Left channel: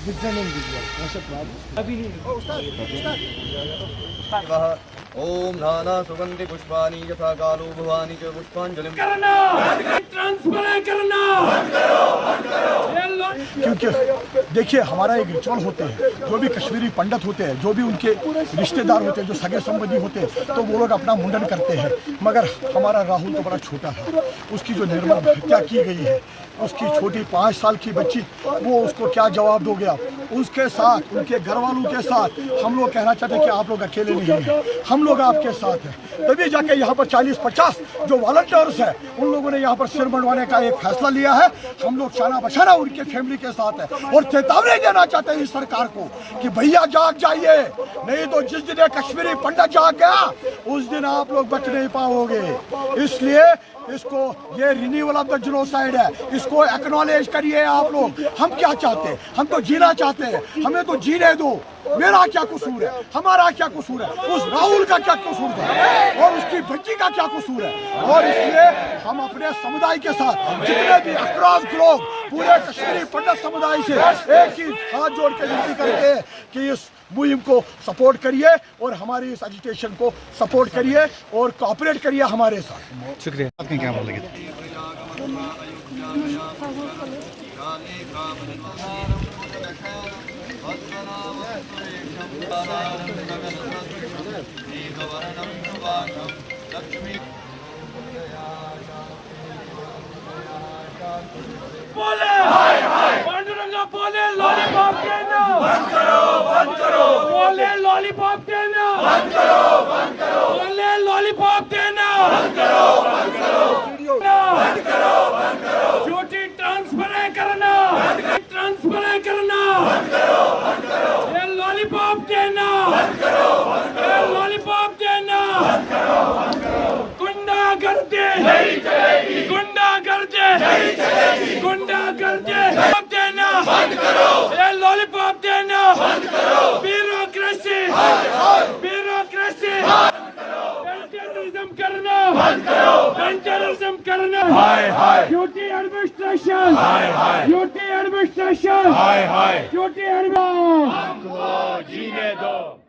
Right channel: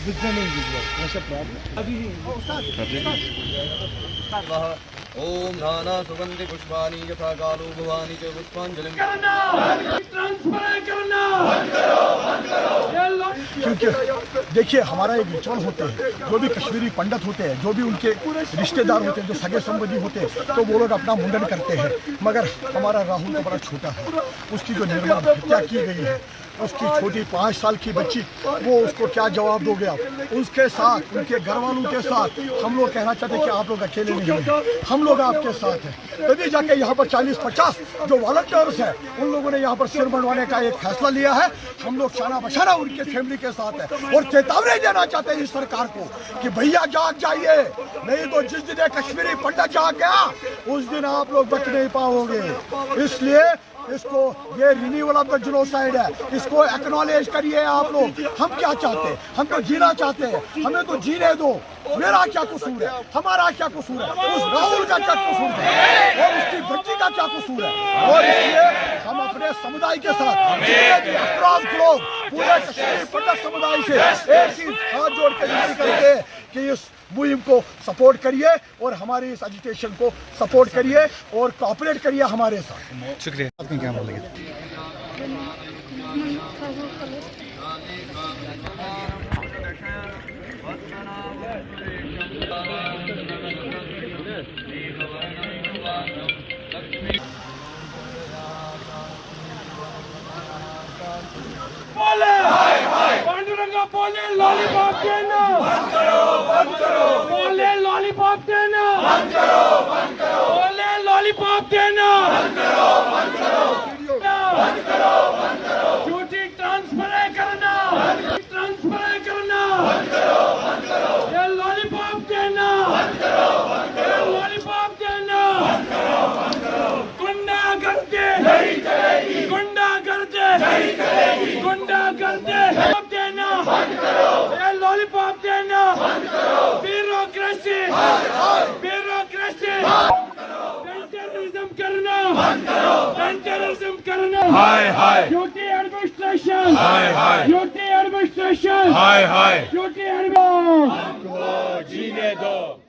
दिखने नहीं दीजिए अभी नहीं। ओम नाना सुगंधि पुष्पाणि यथा कालो भवानी च पुष्पांजलिं क्योंकि देखिए हमारा एक रिचुअल होता है, जो भी कश्मीरी पंडित होते हैं, जो भी उनके रिश्तेदार होते हैं, जो सगे संबंधी होते हैं, तो वो लोग अपना मुंडन करते हैं। मगर हमारा राहुल तो बड़ा छोटा है, उसकी जो निर्मम हत्या की गई है, उसकी छोटी 5 साल की बच्ची, वो उसको क्या जवाब दोगे आप? उसके साथ, उनके घर वालों के साथ हम लोग कहना चाहते हैं कि आप लोग अकेले नहीं हैं, हम लोग आपके साथ हैं। तभी जाके यहाँ पर 40-50 जो वॉलंटियर्स हैं, उन लोगों ने यहाँ पर सिर मंडवाने का एक फैसला लिया है। हम लोग शाना बशाना उनके फैमिली के साथ है और चेतावनी देना चाहते हैं इस सरकार को कि भैया जाग जाइए, नहीं तो जिस दिन कश्मीरी पंडित जाग गया उस दिन आप लोग बच नहीं पाओगे। इसलिए इसको, ये रिन्यूअल ऑफ द जेनोसाइड है, इसको एक्नॉलेज करिए आप लोग। हम क्या चाहते हैं? हम तो जीना चाहते हैं, हमें तो जीने दो। मेरा क्या कसूर है? हमारा क्या कसूर है? उस राहुल का क्या कसूर है? और उसकी बच्ची का क्या कसूर है? और इसलिए हम अपने समुदाय के साथ जितने भी अक्रॉस ग्लोब पूरे कश्मीरी पंडित समुदाय से एक ही हाथ जोड़ कर विनती करते हैं कि इस मुहिम को सपोर्ट करिए और हमारी इस एजिटेशन को सपोर्ट करिए और कोऑपरेट करिए हमारे साथ। शुक्रिया। आपने क्या बोलेंगे? पांडुरंगा बोले लॉलीपॉप देना बंद करो बोले लॉलीपॉप देना बंद करो बोले लॉलीपॉप देना बंद करो झूठी ट्रांसफर करना ये लॉलीपॉप देना ये लॉलीपॉप देना गुंडागर्दी नहीं चलेगी, गुंडागर्दी नहीं चलेगी, गुंडागर्दी देना बंद करो, ये लॉलीपॉप देना बंद करो, ब्यूरोक्रेसी टेररिज्म करना बंद करो, टेररिज्म करना duty administration duty administration duty administration जीने दो।